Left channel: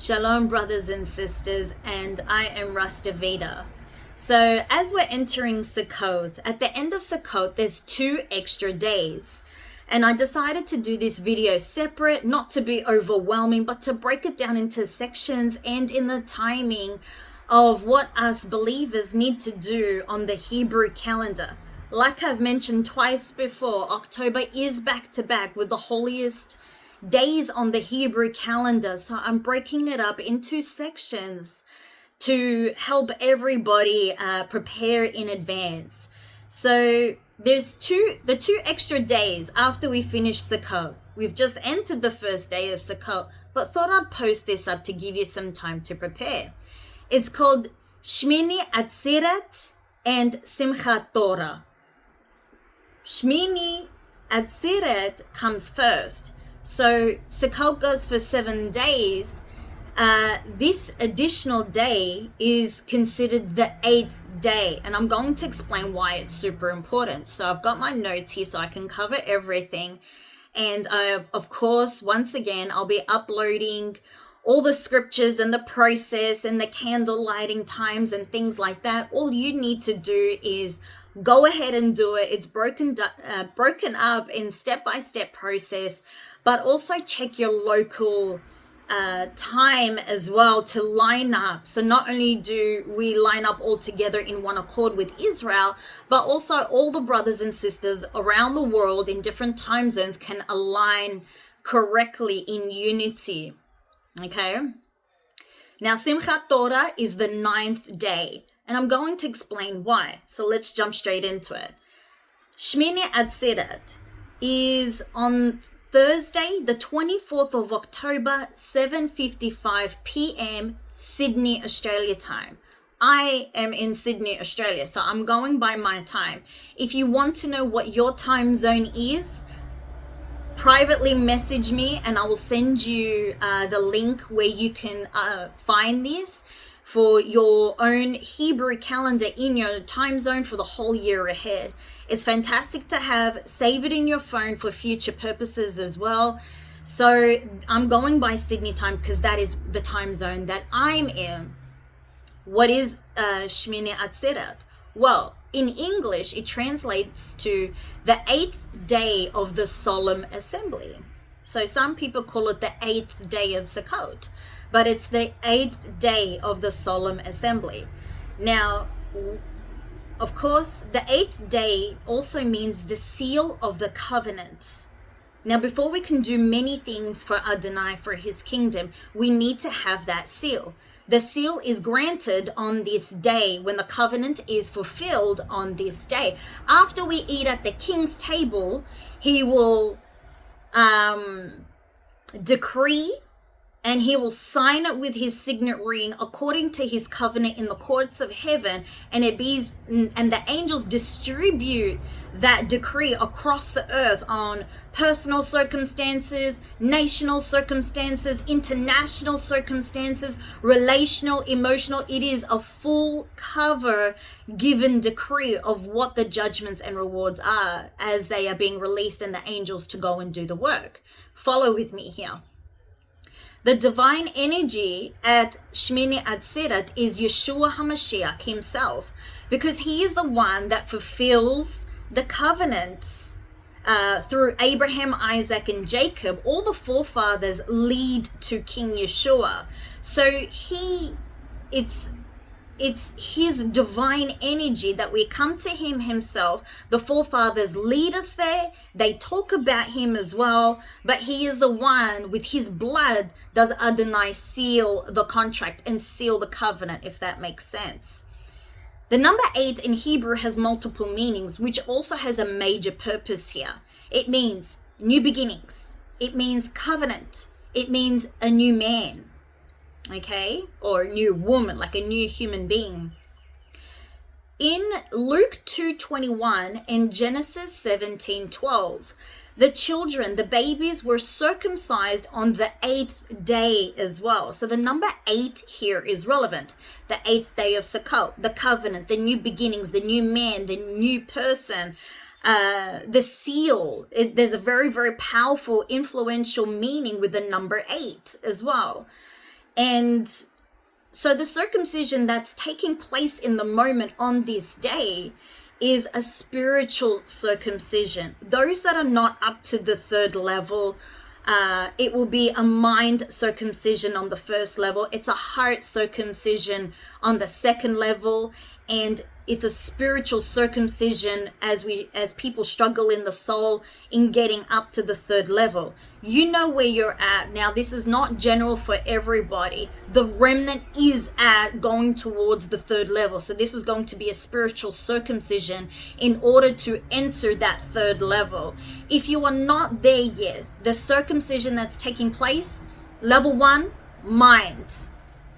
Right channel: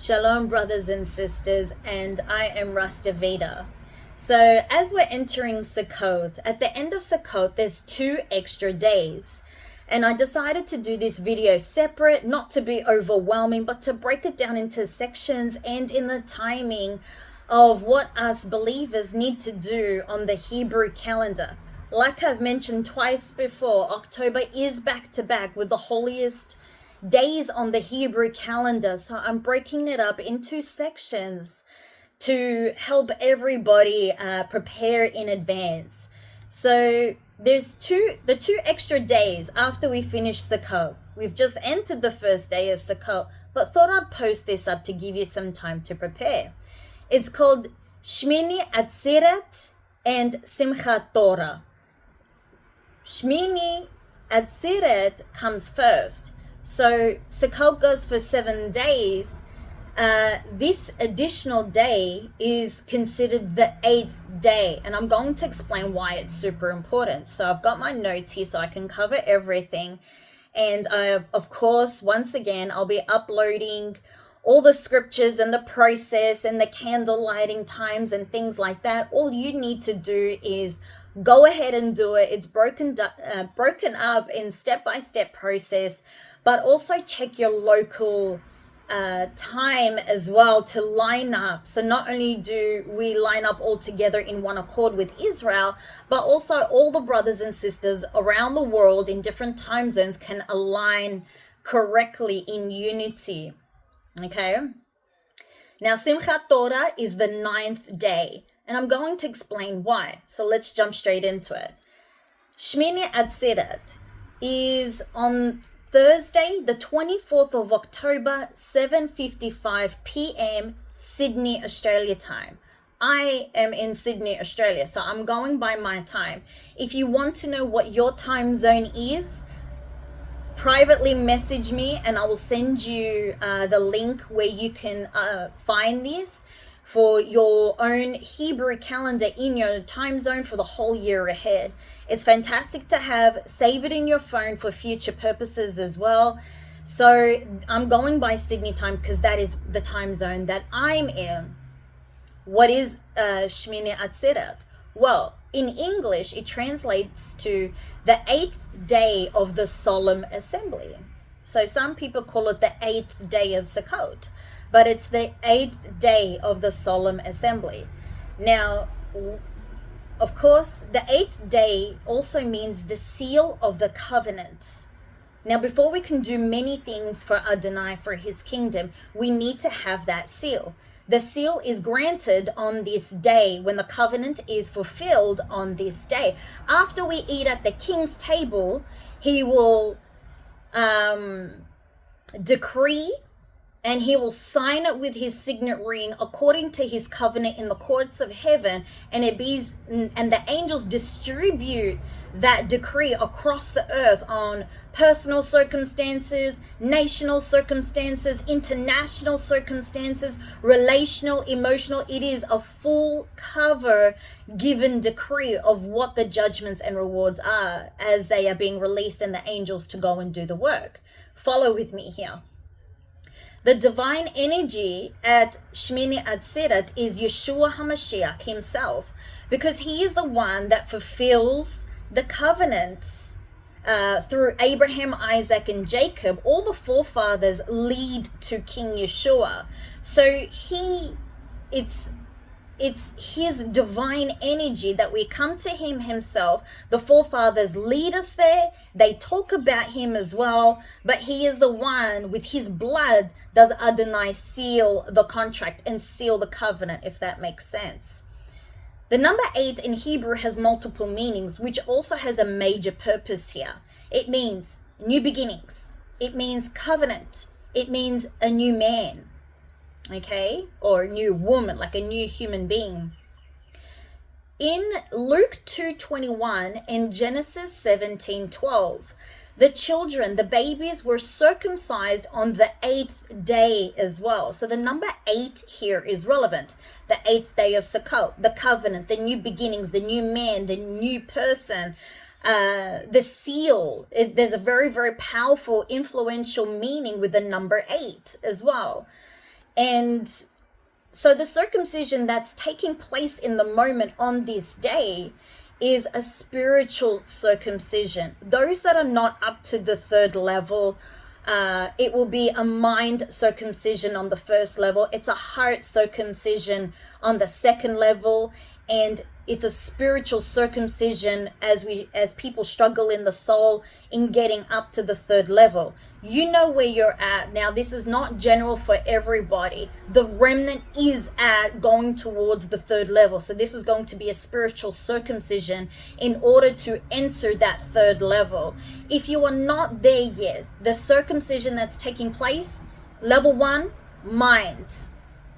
Shalom, brothers and sisters, and I am Rasta Veda. So as we're entering Sukkot, at the end of Sukkot, there's 2 extra days. And I decided to do this video separate, not to be overwhelming, but to break it down into sections and in the timing of what us believers need to do on the Hebrew calendar. Like I've mentioned twice before, October is back to back with the holiest days on the Hebrew calendar. So I'm breaking it up into sections to help everybody prepare in advance. So there's the 2 extra days after we finish Sukkot. We've just entered the first day of Sukkot, but thought I'd post this up to give you some time to prepare. It's called Shmini Atzeret and Simchat Torah. Shmini Atzeret comes first. So Sukkot goes for 7 days. This additional day is considered the 8th day. And I'm going to explain why it's super important. So I've got my notes here so I can cover everything. And of course, once again, I'll be uploading all the scriptures and the process and the candle lighting times and things like that. All you need to do is go ahead and do it. It's broken up in step-by-step process. But also check your local time as well to line up. So not only do we line up all together in one accord with Israel, but also all the brothers and sisters around the world in different time zones can align correctly in unity. Okay? Now, Simchat Torah is the 9th day, and I'm going to explain why. So let's jump straight into it. Shmini Atzeret is on Thursday, the 24th of October, 7:55 p.m. Sydney, Australia time. I am in Sydney, Australia, so I'm going by my time. If you want to know what your time zone is, privately message me and I will send you the link where you can find this for your own Hebrew calendar in your time zone for the whole year ahead. It's fantastic to have. Save it in your phone for future purposes as well. So I'm going by Sydney time because that is the time zone that I'm in. What is Shmini Atzeret? Well, in English, it translates to the 8th day of the solemn assembly. So some people call it the 8th day of Sukkot, but it's the 8th day of the solemn assembly. Now, of course, the 8th day also means the seal of the covenant. Now, before we can do many things for Adonai, for his kingdom, we need to have that seal. The seal is granted on this day when the covenant is fulfilled on this day. After we eat at the king's table, he will decree and he will sign it with his signet ring according to his covenant in the courts of heaven, and the angels distribute that decree across the earth on personal circumstances, national circumstances, international circumstances, relational, emotional. It is a full cover given decree of what the judgments and rewards are as they are being released and the angels to go and do the work. Follow with me here. The divine energy at Shmini Atzeret is Yeshua HaMashiach himself, because he is the one that fulfills the covenants through Abraham, Isaac, and Jacob. All the forefathers lead to King Yeshua. So it's his divine energy that we come to him himself. The forefathers lead us there. They talk about him as well, but he is the one with his blood does Adonai seal the contract and seal the covenant, if that makes sense. The number 8 in Hebrew has multiple meanings, which also has a major purpose here. It means new beginnings. It means covenant. It means a new man. Okay, or a new woman, like a new human being. In Luke 2:21 and Genesis 17:12, the children, the babies, were circumcised on the 8th day as well. So the number 8 here is relevant. The 8th day of Sukkot, the covenant, the new beginnings, the new man, the new person, the seal. There's a very, very powerful, influential meaning with the number 8 as well. And so the circumcision that's taking place in the moment on this day is a spiritual circumcision. Those that are not up to the third level, it will be a mind circumcision on the first level. It's a heart circumcision on the second level, and it's a spiritual circumcision as people struggle in the soul in getting up to the third level. You know where you're at. Now, this is not general for everybody. The remnant is at going towards the third level. So this is going to be a spiritual circumcision in order to enter that third level. If you are not there yet, the circumcision that's taking place, level 1, mind.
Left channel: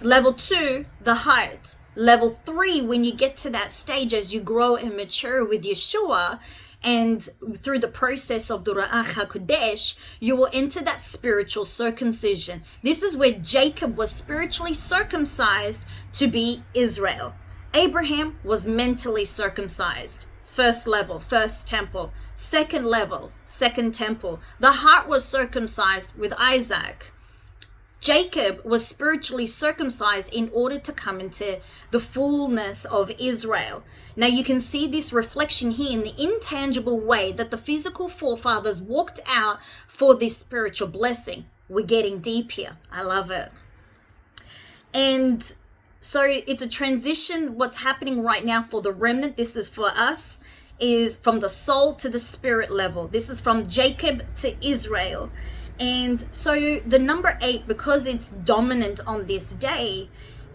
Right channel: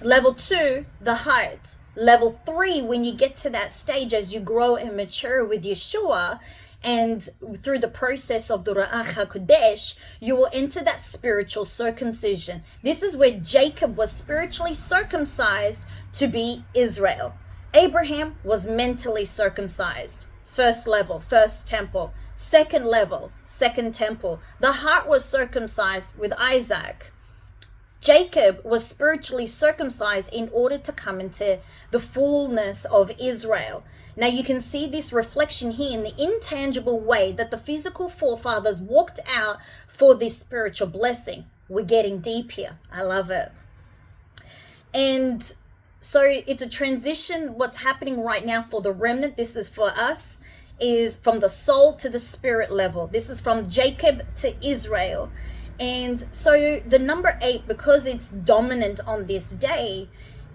Level 2, the heart. Level 3, when you get to that stage as you grow and mature with Yeshua, and through the process of the Ruach HaKodesh, you will enter that spiritual circumcision. This is where Jacob was spiritually circumcised to be Israel. Abraham was mentally circumcised. First level, first temple. Second level, second temple. The heart was circumcised with Isaac. Jacob was spiritually circumcised in order to come into the fullness of Israel. Now you can see this reflection here in the intangible way that the physical forefathers walked out for this spiritual blessing. We're getting deep here. I love it. And so it's a transition. What's happening right now for the remnant, this is for us, is from the soul to the spirit level. This is from Jacob to Israel. And so the number 8, because it's dominant on this day,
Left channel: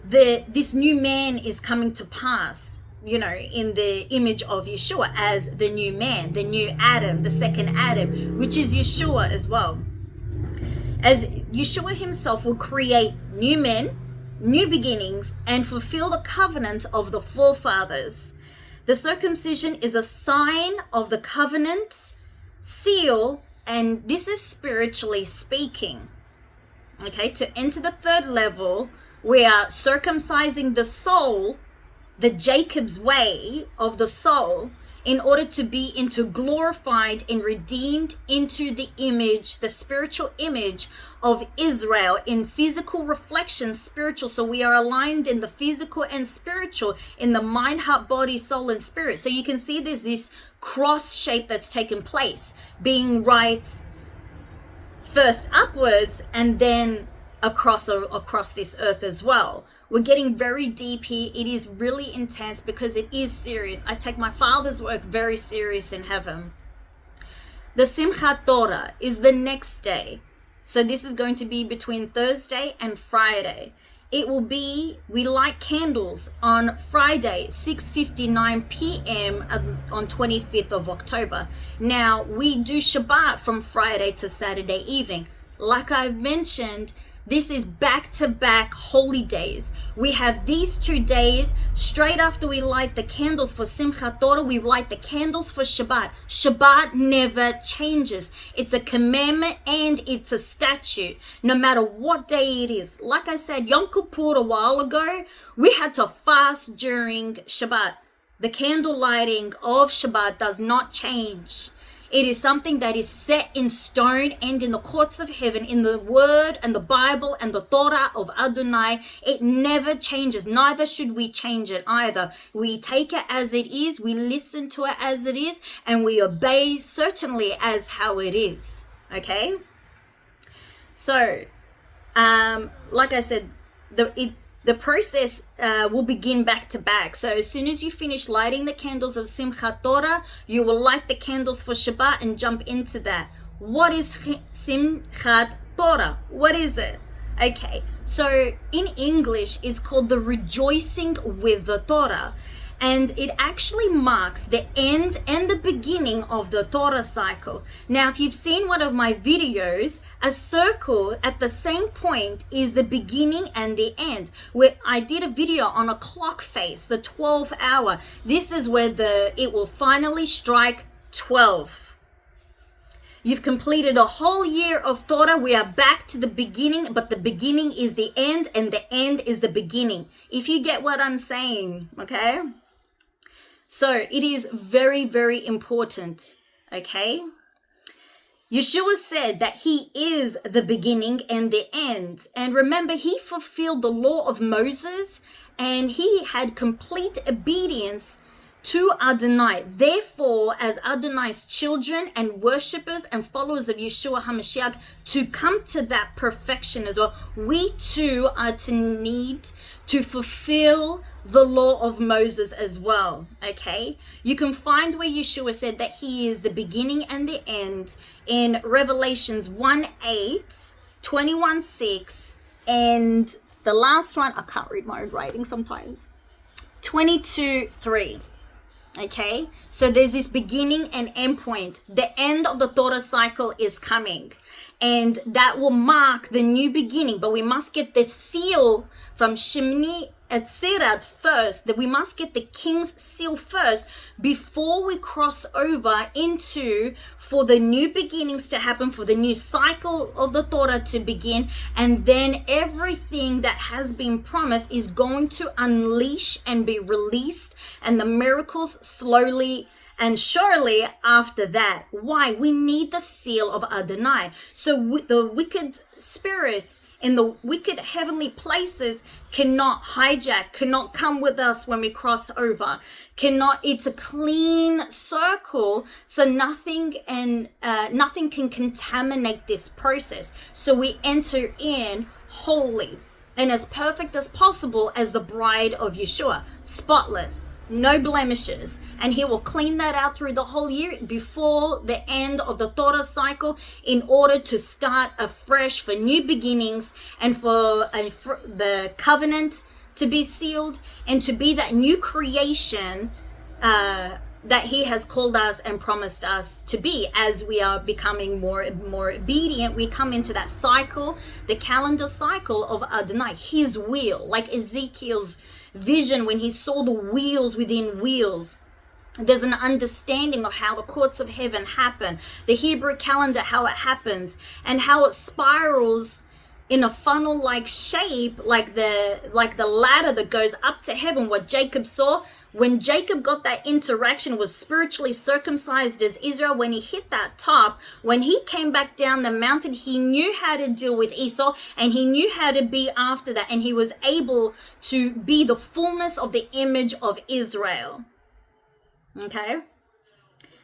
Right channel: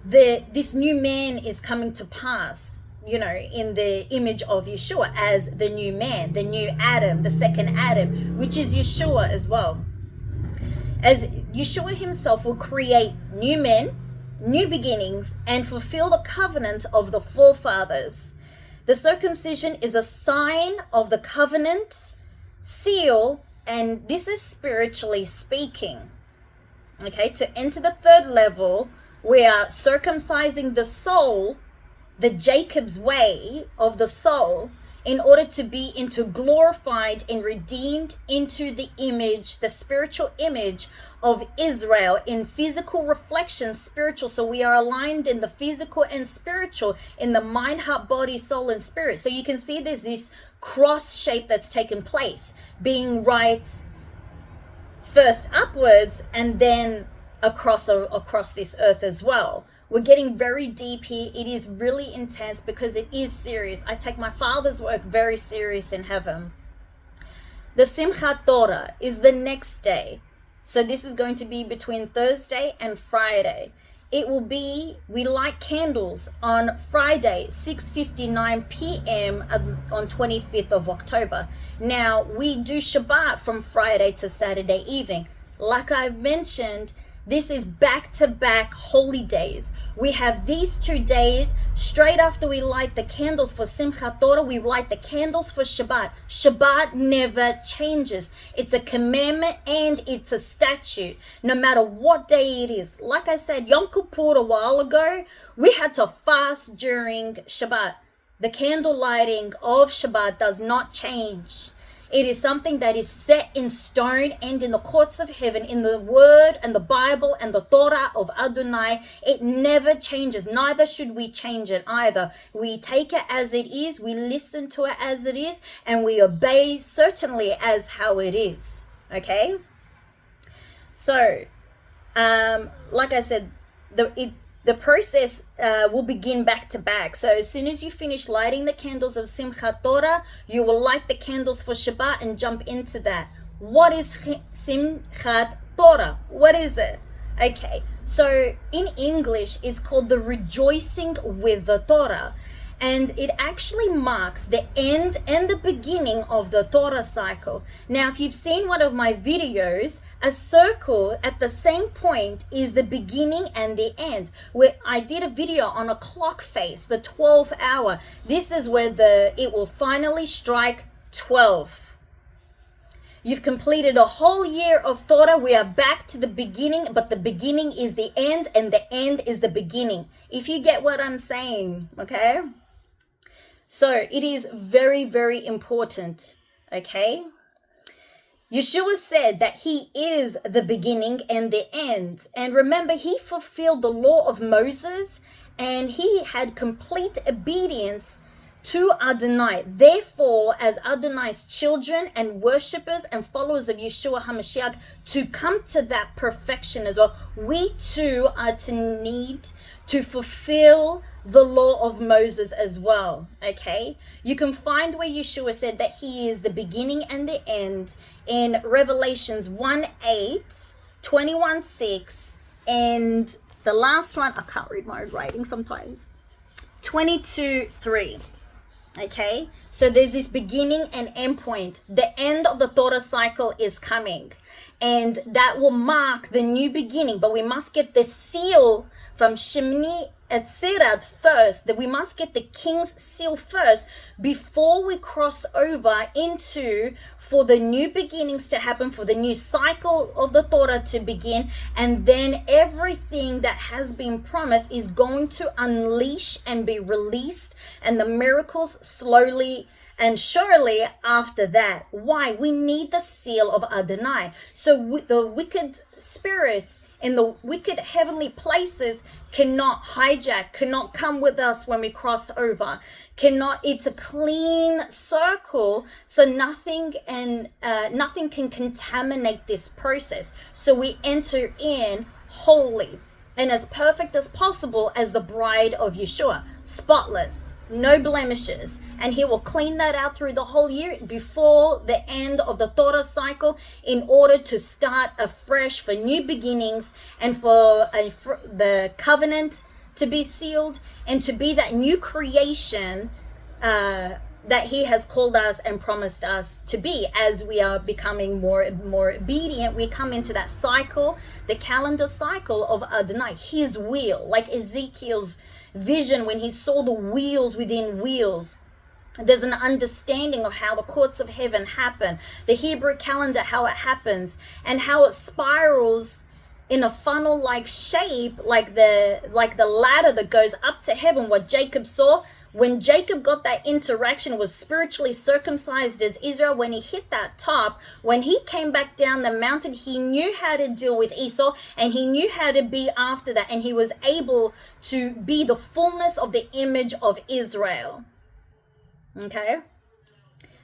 this new man is coming to pass, you know, in the image of Yeshua as the new man, the new Adam, the second Adam, which is Yeshua as well. As Yeshua himself will create new men, new beginnings, and fulfill the covenant of the forefathers. The circumcision is a sign of the covenant, seal, and this is spiritually speaking. Okay, to enter the third level, we are circumcising the soul, the Jacob's way of the soul, in order to be into glorified and redeemed into the image, the spiritual image of Israel in physical reflection, spiritual. So we are aligned in the physical and spiritual, in the mind, heart, body, soul, and spirit. So you can see there's this cross shape that's taken place, being right first upwards and then across this earth as well. We're getting very deep here. It is really intense because it is serious. I take my Father's work very serious in heaven. The Simchat Torah is the next day. So this is going to be between Thursday and Friday. It will be, we light candles on Friday, 6:59 p.m. on 25th of October. Now, we do Shabbat from Friday to Saturday evening. Like I've mentioned, this is back-to-back holy days. We have these 2 days. Straight after we light the candles for Simchat Torah, we light the candles for Shabbat. Shabbat never changes. It's a commandment and it's a statute, no matter what day it is. Like I said, Yom Kippur a while ago, we had to fast during Shabbat. The candle lighting of Shabbat does not change. It is something that is set in stone and in the courts of heaven, in the word and the Bible and the Torah of Adonai. It never changes. Neither should we change it either. We take it as it is, we listen to it as it is, and we obey certainly as how it is. Okay? So, like I said, the process will begin back to back. So as soon as you finish lighting the candles of Simchat Torah, you will light the candles for Shabbat and jump into that. What is Simchat Torah? What is it? Okay, so in English, it's called the rejoicing with the Torah. And it actually marks the end and the beginning of the Torah cycle. Now, if you've seen one of my videos, a circle at the same point is the beginning and the end. Where I did a video on a clock face, the 12th hour. This is where it will finally strike 12. You've completed a whole year of Torah. We are back to the beginning, but the beginning is the end and the end is the beginning. If you get what I'm saying, okay? So it is very, very important, okay? Yeshua said that he is the beginning and the end. And remember, he fulfilled the law of Moses and he had complete obedience to Adonai. Therefore, as Adonai's children and worshippers and followers of Yeshua HaMashiach, to come to that perfection as well, we too are to need to fulfill the law of Moses as well. Okay, you can find where Yeshua said that he is the beginning and the end in Revelations 1:8, 21:6, and the last one, I can't read my own writing sometimes, 22:3. Okay, so there's this beginning and end point. The end of the Torah cycle is coming, and that will mark the new beginning. But we must get the seal from Shmini Atzeret first, that we must get the king's seal first before we cross over into for the new beginnings to happen, for the new cycle of the Torah to begin, and then everything that has been promised is going to unleash and be released, and the miracles slowly and surely after that. Why? We need the seal of Adonai. So the wicked spirits in the wicked heavenly places cannot hijack, cannot come with us when we cross over, it's a clean circle, so nothing can contaminate this process. So we enter in holy and as perfect as possible as the bride of Yeshua, spotless, no blemishes, and he will clean that out through the whole year before the end of the Torah cycle in order to start afresh for new beginnings and for the covenant to be sealed and to be that new creation that he has called us and promised us to be. As we are becoming more obedient, we come into that cycle, the calendar cycle of Adonai, his will, like Ezekiel's vision when he saw the wheels within wheels. There's an understanding of how the courts of heaven happen, the Hebrew calendar, how it happens, and how it spirals in a funnel-like shape, like the ladder that goes up to heaven. What Jacob saw when Jacob got that interaction, was spiritually circumcised as Israel. When he hit that top, when he came back down the mountain, he knew how to deal with Esau, and he knew how to be after that, and he was able to be the fullness of the image of Israel. Okay,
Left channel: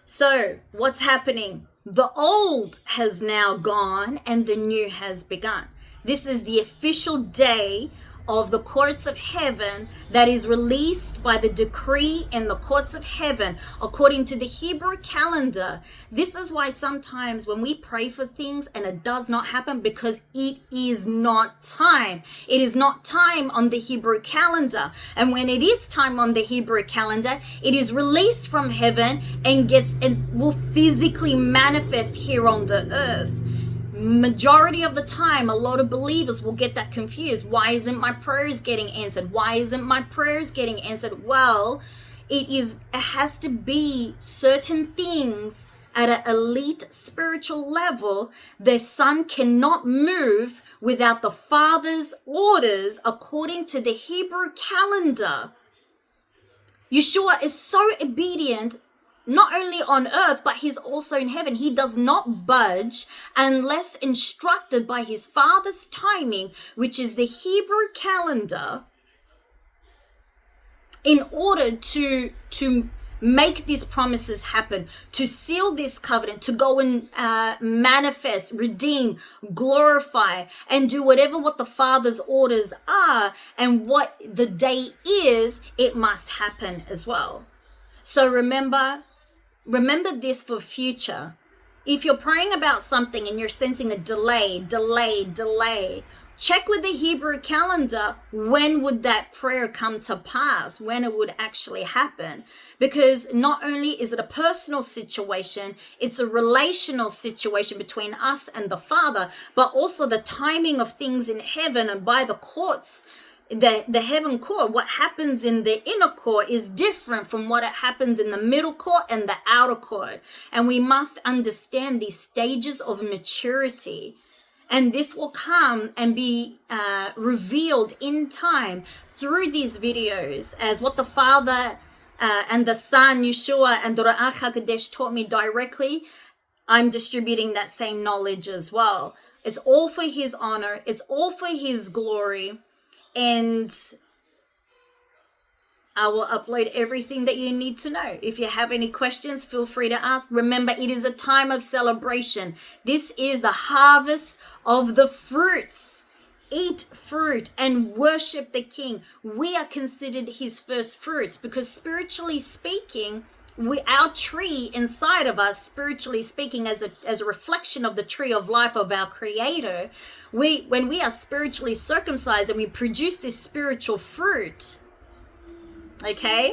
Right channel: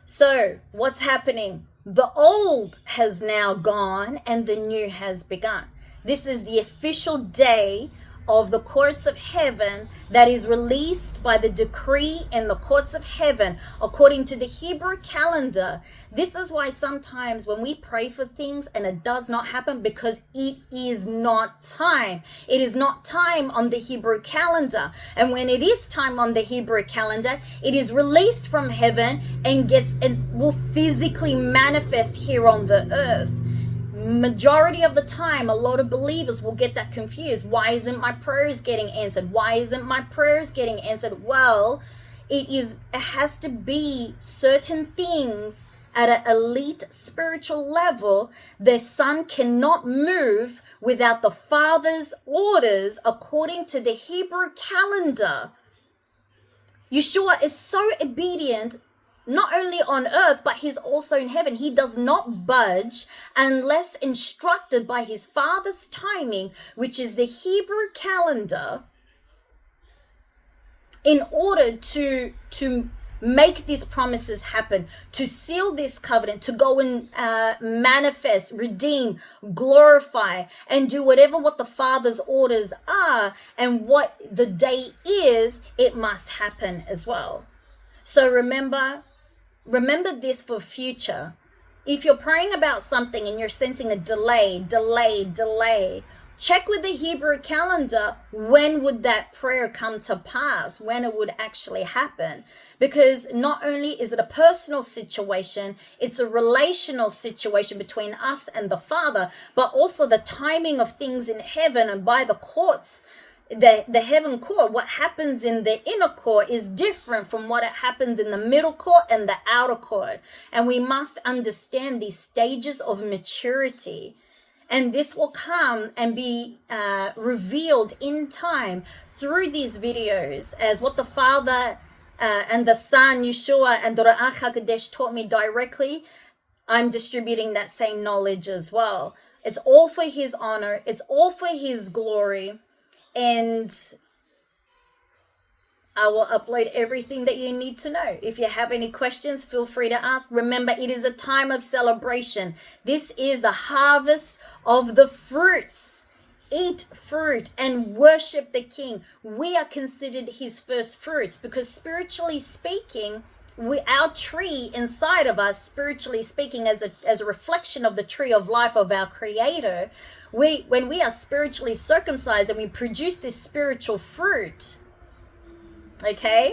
so what's happening? The old has now gone and the new has begun. This is the official day of the courts of heaven that is released by the decree in the courts of heaven according to the Hebrew calendar. This is why sometimes when we pray for things and it does not happen, because it is not time. It is not time on the Hebrew calendar. And when it is time on the Hebrew calendar, it is released from heaven and will physically manifest here on the earth. Majority of the time, a lot of believers will get that confused. Why isn't my prayers getting answered? Why isn't my prayers getting answered? Well, it has to be certain things at an elite spiritual level. The son cannot move without the father's orders according to the Hebrew calendar. Yeshua is so obedient, not only on earth, but he's also in heaven. He does not budge unless instructed by his father's timing, which is the Hebrew calendar, in order to make these promises happen, to seal this covenant, to go and manifest, redeem, glorify, and do what the Father's orders are, and what the day is, it must happen as well. So remember this for future. If you're praying about something and you're sensing a delay, check with the Hebrew calendar, when would that prayer come to pass, when it would actually happen. Because not only is it a personal situation, it's a relational situation between us and the Father, but also the timing of things in heaven and by the courts. The heaven court, what happens in the inner court is different from what happens in the middle court and the outer court. And we must understand these stages of maturity. And this will come and be revealed in time through these videos, as what the Father and the Son, Yeshua, and the Ruach HaKodesh taught me directly. I'm distributing that same knowledge as well. It's all for his honor. It's all for his glory. And I will upload everything that you need to know. If you have any questions, feel free to ask. Remember, it is a time of celebration. This is the harvest of the fruits. Eat fruit and worship the King. We are considered his first fruits because spiritually speaking, our tree inside of us, spiritually speaking, as a reflection of the tree of life of our Creator, when we are spiritually circumcised and we produce this spiritual fruit, okay,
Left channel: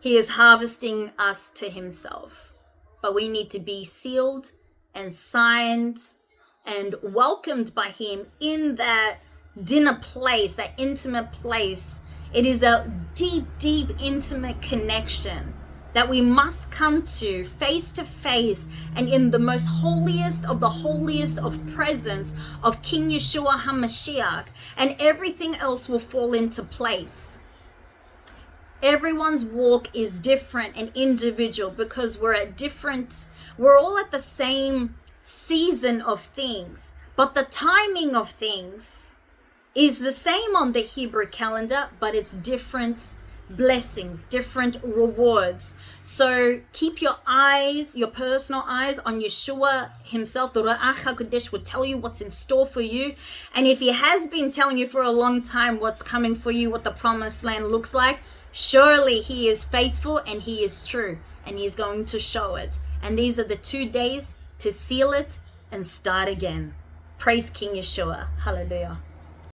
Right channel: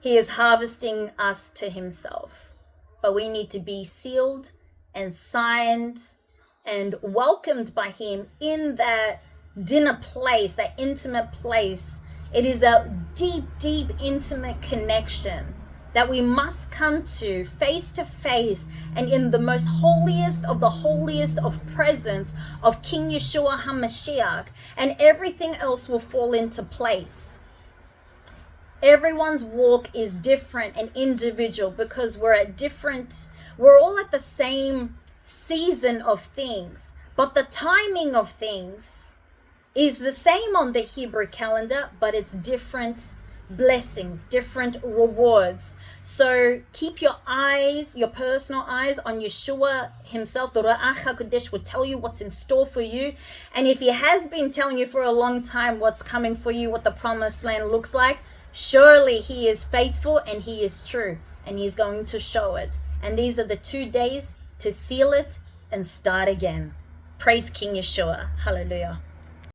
he is harvesting us to himself. But we need to be sealed and signed and welcomed by him in that dinner place, that intimate place. It is a deep, deep, intimate connection that we must come to face, and in the most holiest of presence of King Yeshua HaMashiach, and everything else will fall into place. Everyone's walk is different and individual because we're all at the same season of things, but the timing of things is the same on the Hebrew calendar, but it's different blessings, different rewards. So keep your eyes, your personal eyes on Yeshua himself. The Ruach HaKodesh will tell you what's in store for you. And if he has been telling you for a long time what's coming for you, what the promised land looks like, surely he is faithful and he is true, and he's going to show it. And these are the 2 days to seal it and start again. Praise King Yeshua. Hallelujah.